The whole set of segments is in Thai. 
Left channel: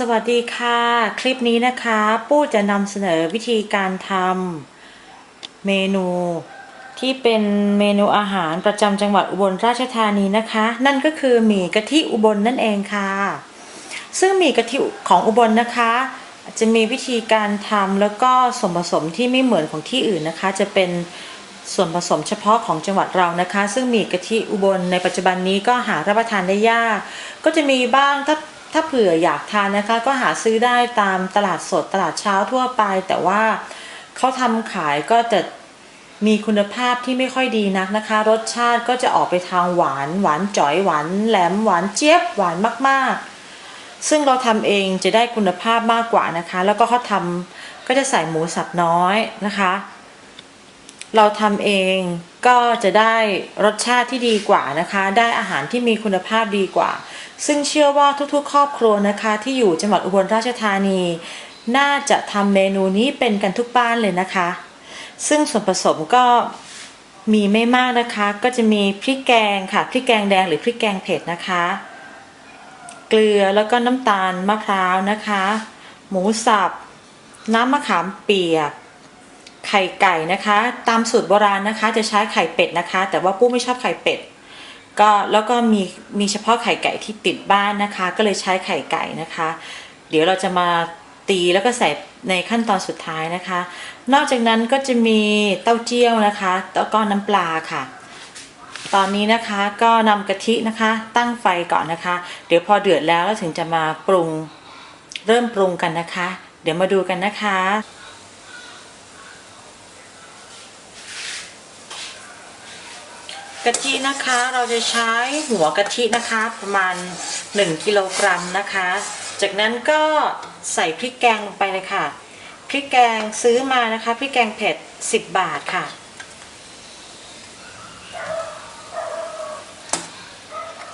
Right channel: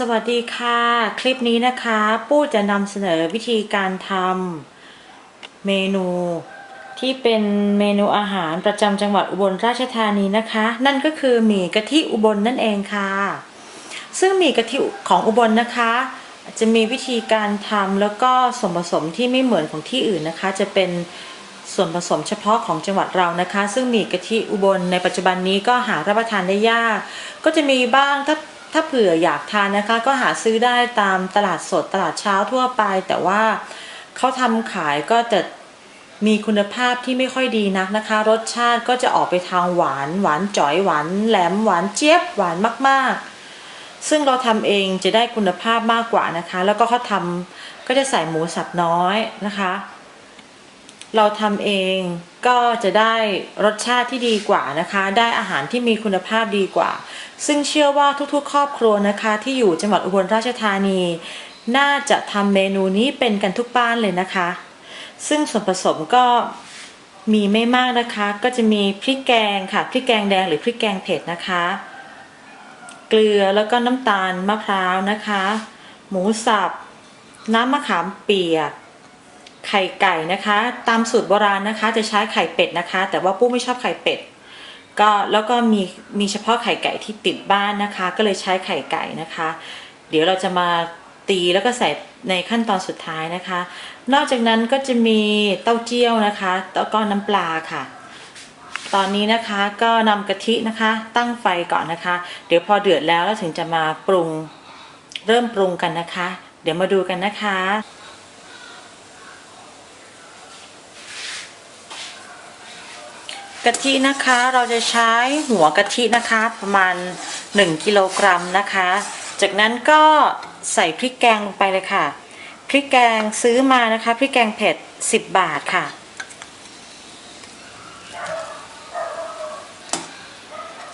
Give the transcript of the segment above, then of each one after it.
สวัสดีค่ะ คลิปนี้นะคะปู้จะนำเสนอวิธีการทำเมนู ที่เป็นเมนูอาหารประจำจังหวัดอุบลราชธานีนะคะ นั่นก็คือหมี่กะทิอุบลนั่นเองค่ะ ซึ่งหมี่กะทิของอุบลนะคะ จะมีวิธีการทำแล้วก็ส่วนผสมที่ไม่เหมือนของที่อื่นนะคะ จะเป็นส่วนผสมเฉพาะของจังหวัดเรานะคะ ซึ่งหมี่กะทิอุบลในปัจจุบันนี้ก็หารับประทานได้ยาก ก็จะมีบ้างถ้า ถ้าเผื่ออยากทานนะคะ ก็หาซื้อได้ตามตลาดสดตลาดเช้าทั่วไป แต่ว่าเขาทำขายก็จะมีคุณภาพที่ไม่ค่อยดีนักนะคะ รสชาติก็จะออกไปทางหวาน หวานจ๋อยหวานแหลมหวานเจี๊ยบหวานมากๆ ซึ่งเราทำเองจะได้คุณภาพมากกว่านะคะ แล้วก็เขาทำก็จะใส่หมูสับน้อยนะคะ เราทำเอง ก็จะได้รสชาติที่ดีกว่านะคะ ได้อาหารที่มีคุณภาพดีกว่า ซึ่งเชื่อว่าทุกๆ ครอบครัวนะคะที่อยู่จังหวัดอุบลราชธานี น่าจะทำเมนูนี้เป็นกันทุกบ้านเลยนะคะ ซึ่งส่วนผสมก็มีไม่มากนะคะ ก็จะมีพริกแกงค่ะ พริกแกงแดงหรือพริกแกงเผ็ดนะคะ เกลือแล้วก็น้ำตาลมะพร้าวนะคะ หมูสับ น้ำมะขามเปียก ไข่ไก่นะคะ ตามสูตรโบราณนะคะ จะใช้ไข่เป็ดนะคะ แต่ว่าปุ้ไม่ชอบไข่เป็ดก็แล้วก็มีมีเฉพาะไข่ไก่ที่ติดบ้านนะคะ ก็เลยใช้ไข่ไก่นะคะ เดี๋ยวเราจะมาตีแล้วก็ใส่ในขั้นตอนสุดท้ายนะคะ นอกจากนั้นก็จะมีเต้าเจี้ยวนะคะแล้วก็น้ำปลาค่ะ ตอนนี้นะคะก็นำกะทินะคะ ตั้งไฟก่อนนะคะ เดี๋ยวพอเดือดแล้วเราถึงจะมาปรุงเริ่มปรุงกันนะคะ เดี๋ยวมาดูกันนะคะ กะทินะคะเราจะใช้หัวกะทินะคะประมาณ 1กิโลกรัมนะคะ จากนั้นก็ใส่พริกแกงลงไปเลยค่ะ พริกแกงซื้อมานะคะพริกแกงเผ็ด 10 บาทค่ะ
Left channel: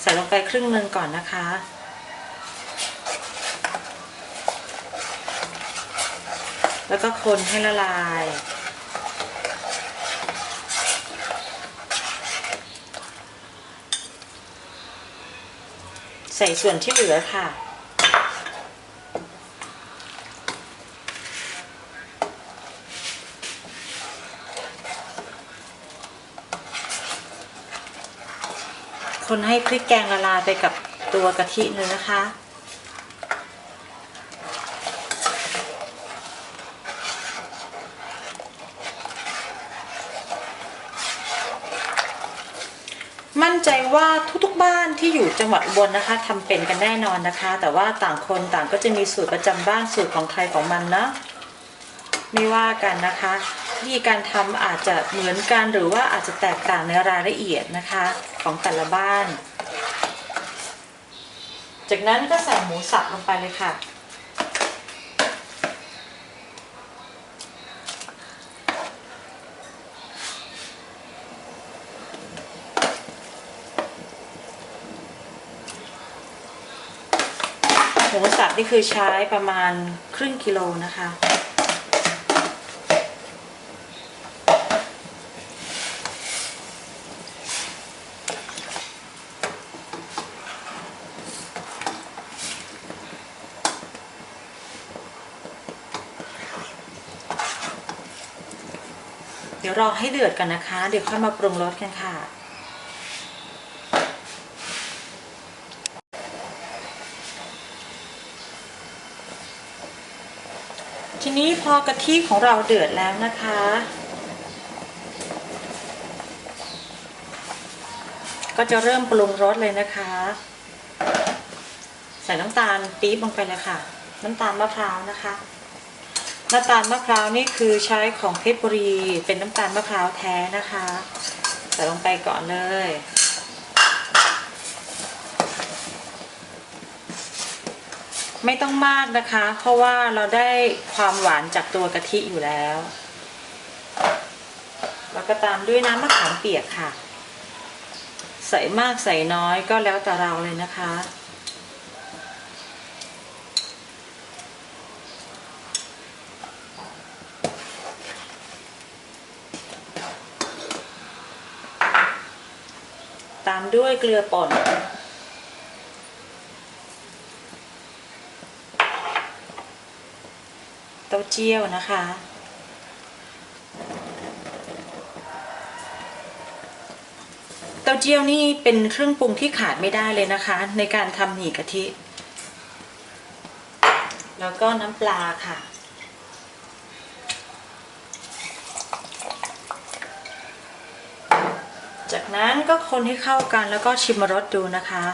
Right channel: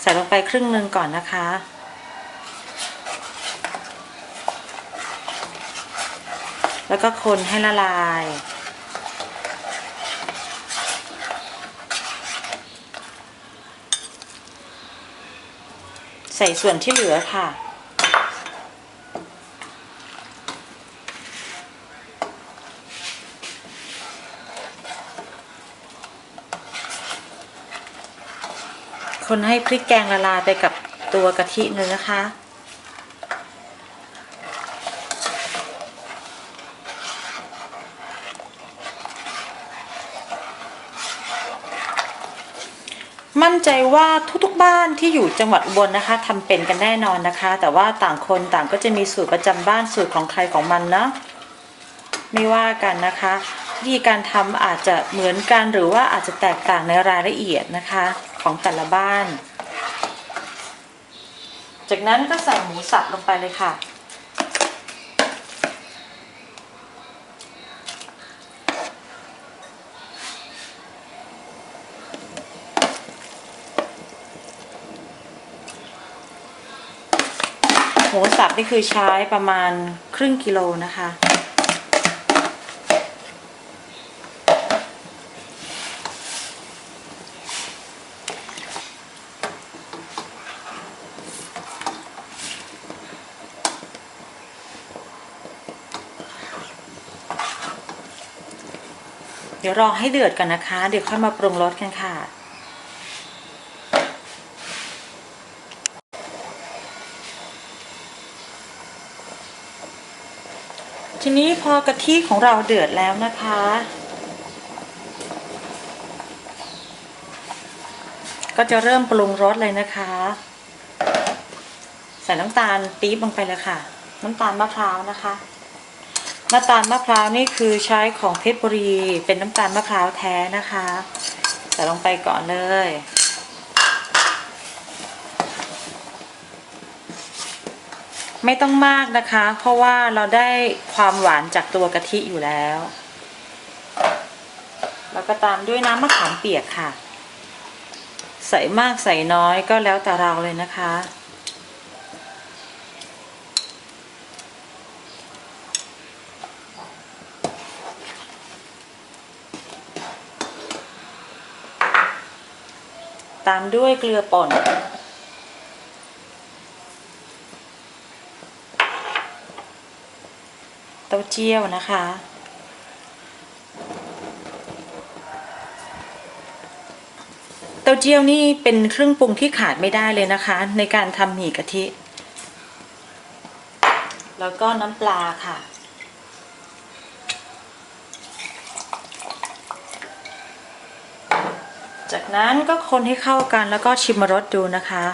ใส่ลงไปครึ่งนึงก่อนนะคะแล้วก็คนให้ละลาย ใส่ส่วนที่เหลือค่ะ คนให้พริกแกงละลายไปกับตัวกะทิเลยนะคะ นใจว่าทุกๆบ้านที่อยู่จังหวัดอุบลนะคะทำเป็นกันแน่นอนนะคะ แต่ว่าต่างคนต่างก็จะมีสูตรประจำบ้านสูตรของใครของมันนะไม่ว่ากันนะคะวิธีการทำอาจจะเหมือนกันหรือว่าอาจจะแตกต่างในรายละเอียดนะคะของแต่ละบ้าน จากนั้นก็ใส่หมูสับลงไปเลยค่ะ มูสับนี่คือใช้ประมาณครึ่งกิโลนะคะ เดี๋ยวรอให้เดือดกันนะคะ เดี๋ยวค่อยมาปรุงรสกันค่ะ ทีนี้พอกะทิของเราเดือดแล้วนะคะ ก็จะเริ่มปรุงรสเลยนะคะ ใส่น้ำตาลปี๊บลงไปเลยค่ะ น้ำตาลมะพร้าวนะคะน้ำตาลมะพร้าวนี่คือใช้ของเพชรบุรีเป็นน้ำตาลมะพร้าวแท้นะคะ ใส่ลงไปก่อนเลย ไม่ต้องมากนะคะ เพราะว่าเราได้ความหวานจากตัวกะทิอยู่แล้ว แล้วก็ตามด้วยน้ำมะขามเปียกค่ะ ใส่มากใส่น้อยก็แล้วแต่เราเลยนะคะ ตามด้วยเกลือป่นาเจี้ยวนะคะ เต้าเจี้ยวนี่เป็นเครื่องปรุงที่ขาดไม่ได้เลยนะคะ ในการทำหมี่กะทิ แล้วก็น้ำปลาค่ะจากนั้นก็คนให้เข้ากันแล้วก็ชิมรสดูนะคะ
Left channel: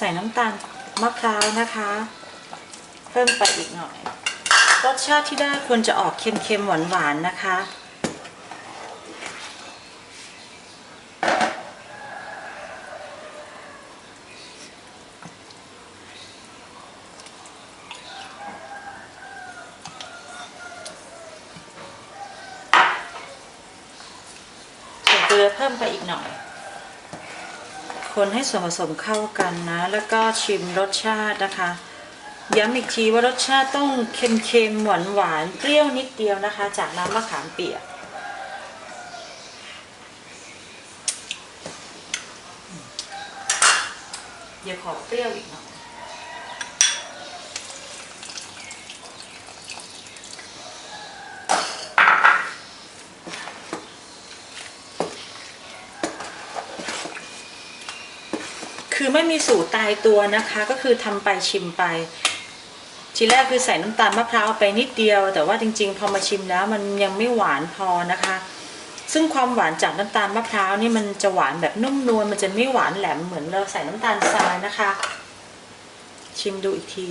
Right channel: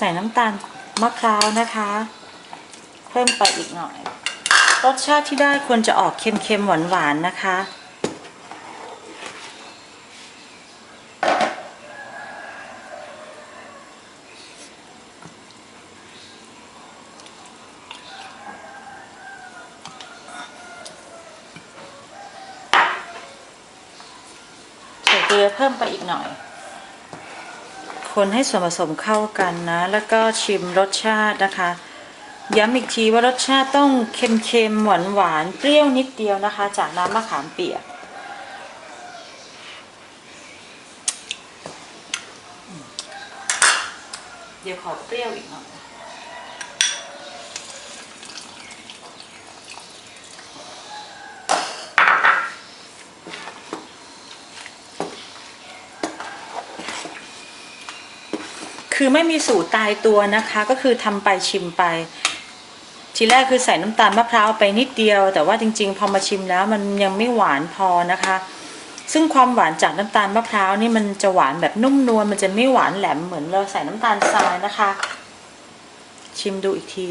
ใส่น้ำตาลมะพร้าวนะคะ เพิ่มไปอีกหน่อยรสชาติที่ได้ควรจะออกเค็มๆหวานๆนะคะเกลือเพิ่มไปอีกหน่อย คนให้ส่วนผสมเข้ากันนะ แล้วก็ชิมรสชาตินะคะ ย้ำอีกทีว่ารสชาติต้องเค็มๆหวานหวานเปรี้ยวนิดเดียวนะคะ จากน้ำมะขามเปียกเดี๋ยวขอเปรี้ยวอีกหน่อย คือไม่มีสูตรตายตัวนะคะ ก็คือทำไปชิมไป ทีแรกคือใส่น้ำตาลมะพร้าวไปนิดเดียว แต่ว่าจริง ๆ พอมาชิมแล้วมันยังไม่หวานพอนะคะ ซึ่งความหวานจากน้ำตาลมะพร้าวนี่มันจะหวานแบบนุ่มนวลมันจะไม่หวานแหลมเหมือนเราใส่น้ำตาลทรายนะคะ ชิมดูอีกที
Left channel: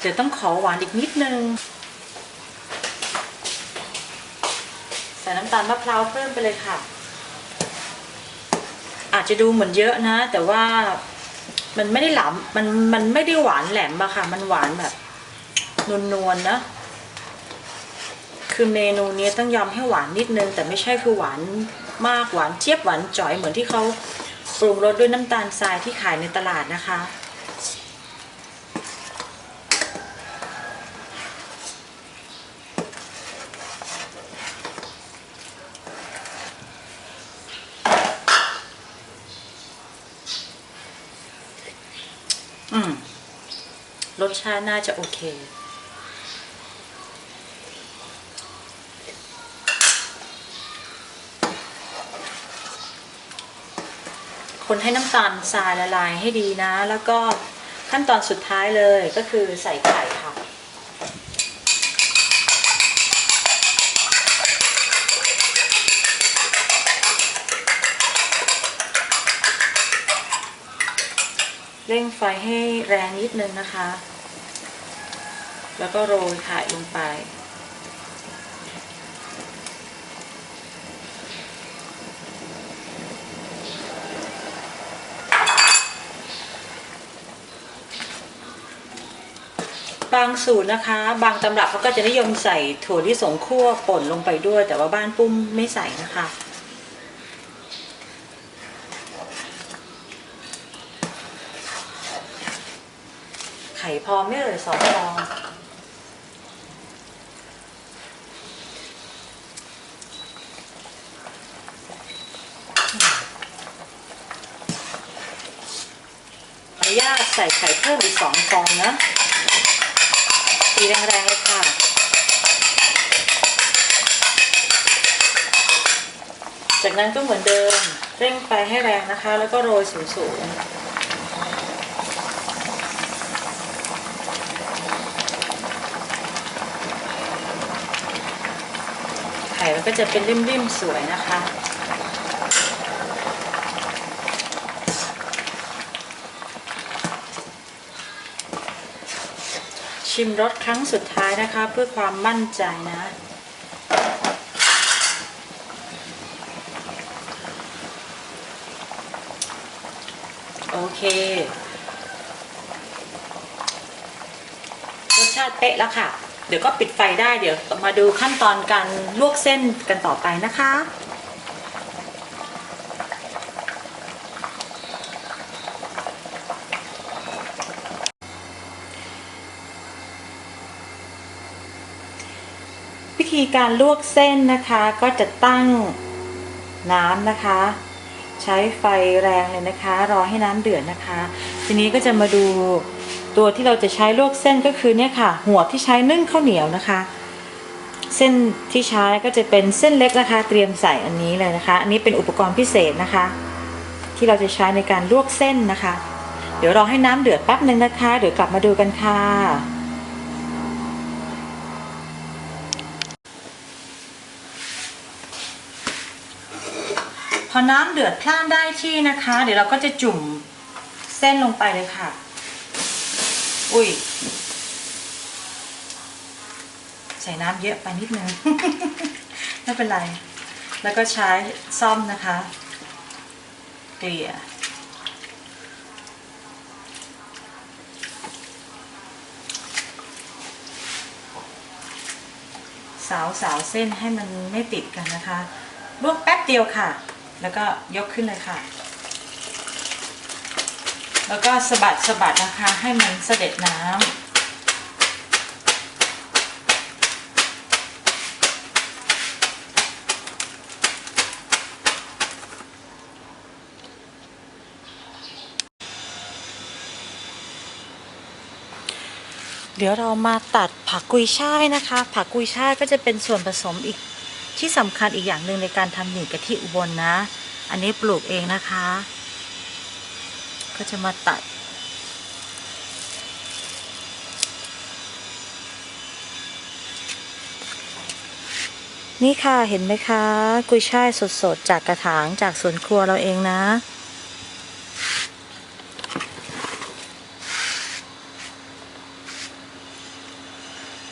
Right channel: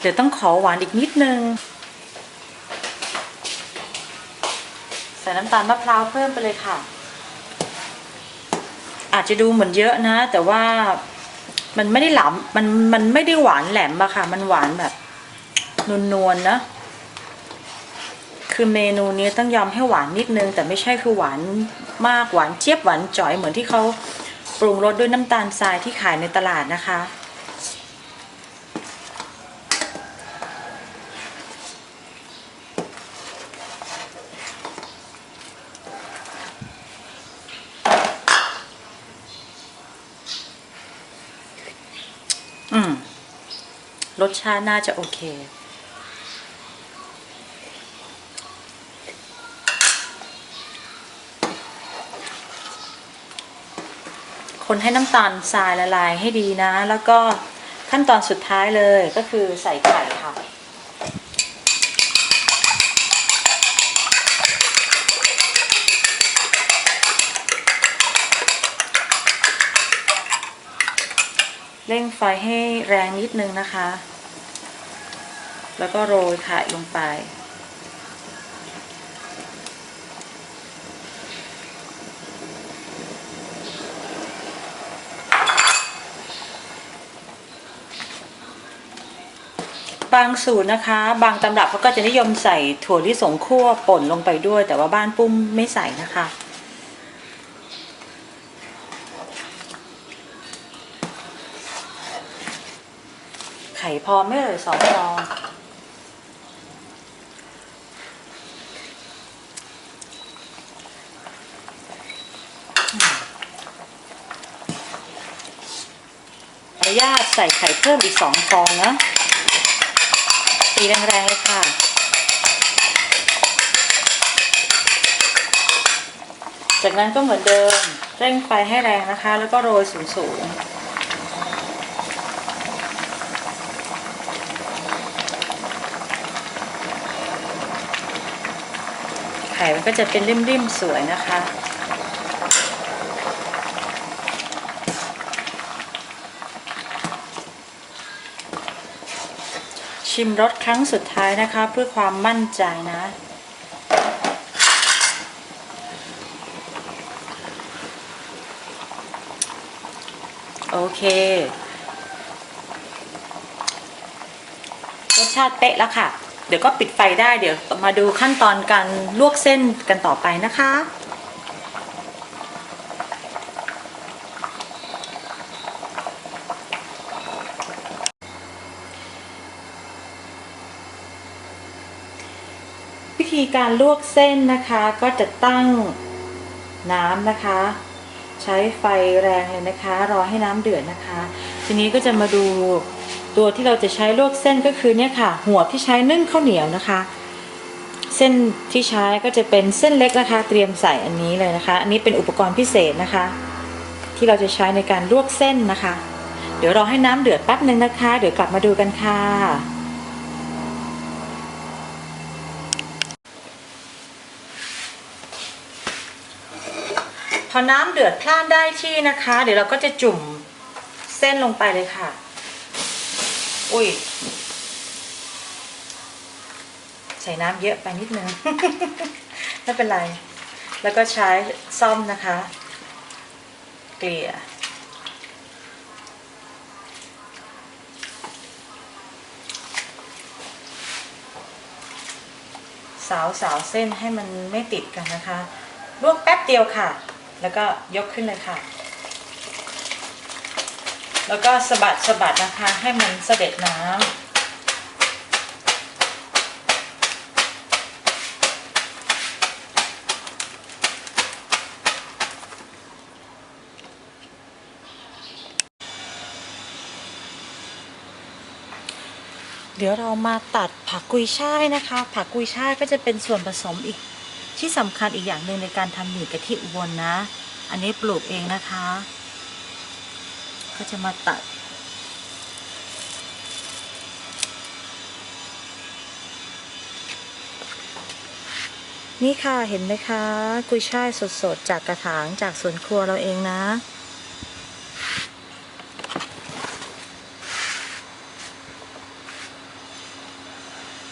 เดี๋ยวต้องขอหวานอีกนิดนึง ใส่น้ำตาลมะพร้าวเพิ่มไปเลยค่ะ อาจจะดูเหมือนเยอะนะ แต่ว่ามันไม่ได้หลำมันมันไม่ได้หวานแหลมอะค่ะ มันหวานแบบนวลๆนะคือเมนูนี้ต้องยอมให้หวานนิดนึง แต่ไม่ใช่คือหวานมากหวานเจี๊ยบหวานจ่อยเหมือนที่เขาปรุงรสด้วยน้ำตาลทรายที่ขายในตลาดนะคะ อืมรสชาติน่าจะโอเค คนให้น้ำตาลทรายละลายให้ดีนะ แล้วก็ขั้นตอนสุดท้ายเลยก็คือใส่ไข่ค่ะ เร่งไฟให้แรงนิดนึงนะคะ แล้วก็โรยไข่ลงไป บางสูตรนะคะ บางตำรับเขาก็จะนิยมใส่ถั่วลิสงคั่วป่นลงไปด้วย แต่ว่าบ้านปุ้มไม่ใส่นะคะ พอไม่เอ่ยสองฟองขออนุญาตใส่ไข่เพิ่มอีกสองฟองนะตีแรงๆเลยค่ะจากนั้นก็เหมือนเดิมเร่งไฟให้แรงนะคะ แล้วก็โรยสูงๆ ไข่ก็จะเป็นริมๆสวยนะคะ ชิมรสครั้งสุดท้ายนะคะ เพื่อความมั่นใจนะโอเค รสชาติเป๊ะแล้วค่ะ เดี๋ยวก็ปิดไฟได้เดี๋ยวมาดูขั้นตอนการลวกเส้นกันต่อไปนะคะ วิธีการลวกเส้นนะคะก็จะตั้งน้ำนะคะ ใช้ไฟแรงเลยนะคะ รอให้น้ำเดือดนะคะ ทีนี้ก็จะมาดู ตัวที่เราจะใช้ลวกเส้นก็คือเนี่ยค่ะ หัวที่ใช้นึ่งข้าวเหนียวนะคะ เส้นที่ใช้ก็จะเป็นเส้นเล็กนะคะ เตรียมใส่อันนี้เลยนะคะ อันนี้เป็นอุปกรณ์พิเศษนะคะ ที่เราจะใช้ในการลวกเส้นนะคะ เดี๋ยวรอให้น้ำเดือดแป๊บหนึ่งนะคะ เดี๋ยวกลับมาดูกันค่ะพอน้ำเดือดพล่านได้ที่นะคะ เดี๋ยวเราก็จะจุ่มเส้นลงไปเลยค่ะ อุ้ย ใส่น้ำเยอะไปนิดนึง ไม่เป็นไร แล้วก็ใช้ซ่อมนะคะเกลี่ยสาวสาวเส้นให้มันไม่ติดกันนะคะลวกแป๊บเดียวค่ะ แล้วก็ยกขึ้นเลยค่ะ แล้วก็สะบัดสะบัดนะคะ ให้มันเสด็จน้ำเดี๋ยวเรามาตัดผักกุยช่ายนะคะ ผักกุยช่ายก็จะเป็นส่วนผสมอีกที่สำคัญอีกอย่างหนึ่งในการทำหมี่กะทิอุบลนะอันนี้ปลูกเองนะคะ ก็จะมาตัด นี่ค่ะเห็นไหมคะ กุยช่ายสดๆ จากกระถางจากสวนครัวเราเองนะ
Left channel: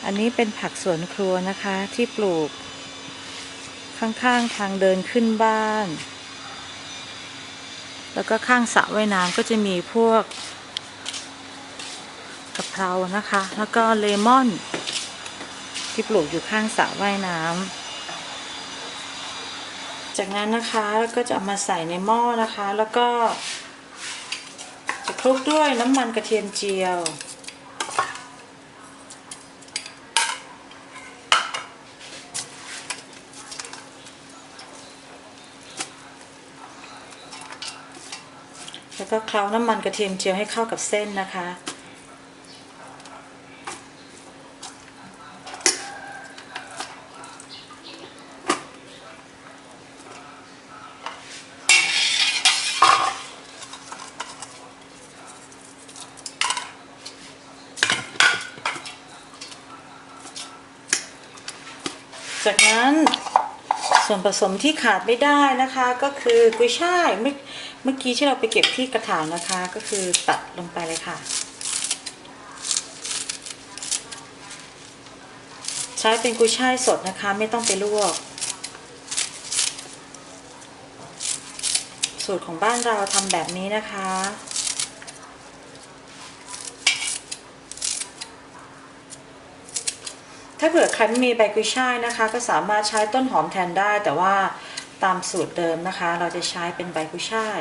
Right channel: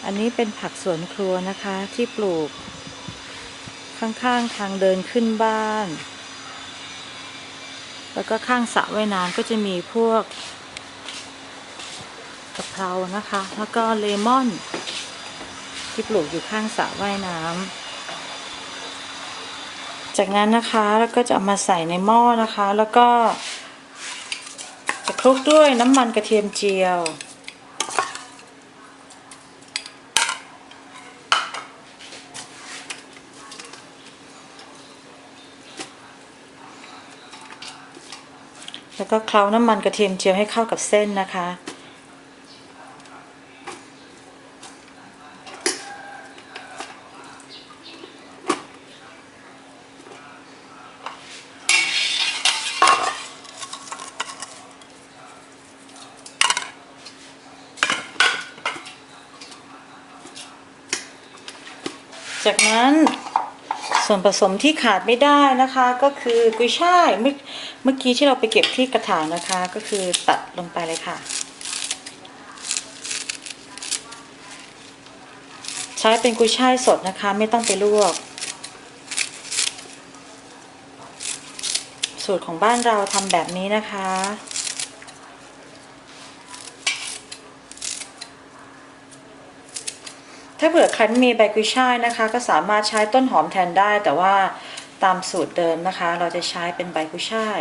อันนี้เป็นผักสวนครัวนะคะที่ปลูก ข้างๆทางเดินขึ้นบ้าน แล้วก็ข้างสระว่ายน้ำก็จะมีพวกกะเพรานะคะ แล้วก็เลมอน ที่ปลูกอยู่ข้างสระว่ายน้ำจากนั้นนะคะแล้วก็จะเอามาใส่ในหม้อนะคะ แล้วก็จะคลุกด้วยน้ำมันกระเทียมเจียว แล้วก็เคล้าน้ำมันกระเทียมเจียวให้เข้ากับเส้นนะคะ จากนั้นส่วนผสมที่ขาดไม่ได้นะคะ ก็คือกุยช่ายเมื่อ เมื่อกี้ที่เราไปเก็บที่กระถางนะคะ ก็คือตัดลงไปเลยค่ะ ใช้เป็นกุยช่ายสดนะคะ ไม่ต้องไปลวก สูตรของบ้านเราทำแบบนี้นะคะถ้าเผื่อใครไม่มีใบกุยช่ายนะคะ ก็สามารถใช้ต้นหอมแทนได้ แต่ว่าตามสูตรเดิมนะคะ เราจะใช้เป็นใบกุยช่าย